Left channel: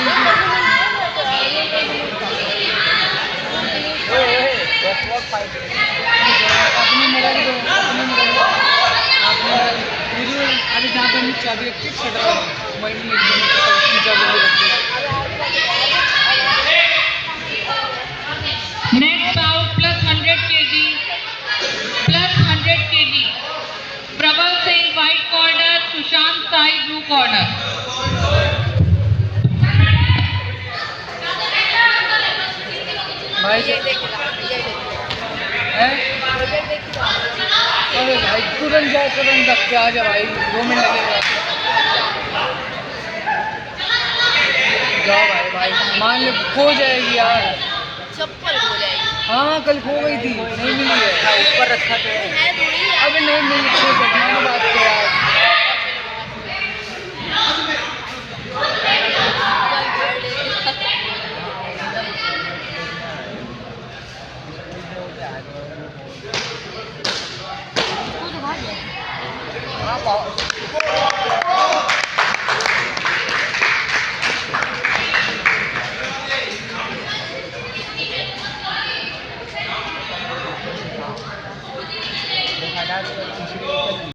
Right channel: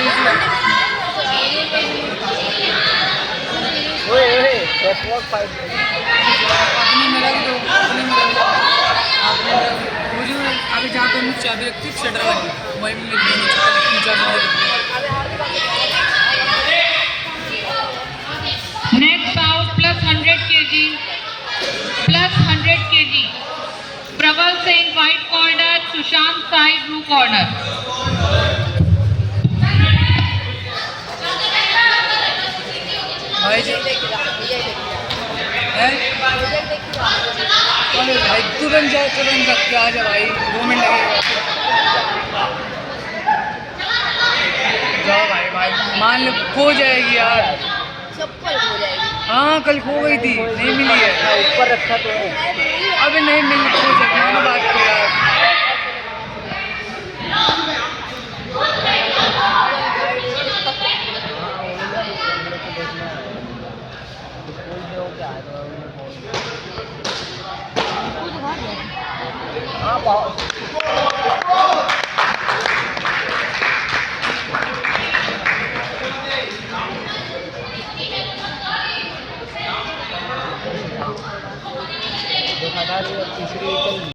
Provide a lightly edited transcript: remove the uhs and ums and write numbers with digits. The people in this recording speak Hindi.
अपनी मिला दो, अपनी मिला दो, मुझे अभी जहाँ पे मुझे चाबी रखती है शटर वहीं पे मिल गई Next out plus 100 kg, plus 100 kg. Praval Singh white corner, Sushant Sai blue corner. भाई जी हैं? अरे भाई तुरंत जाओ, तुरंत रख के आ जा भाई, 2 मिनट लगेगा। जाओ भाई, भाई मान लो खो जाएगी यार। चप्पल हो जाएगी। हाँ कल खो गई थी, नहीं मिली है। ऊपर रखा तो है, अभी नहीं मिली, खो जाएगी। मानो बात को यार। हाँ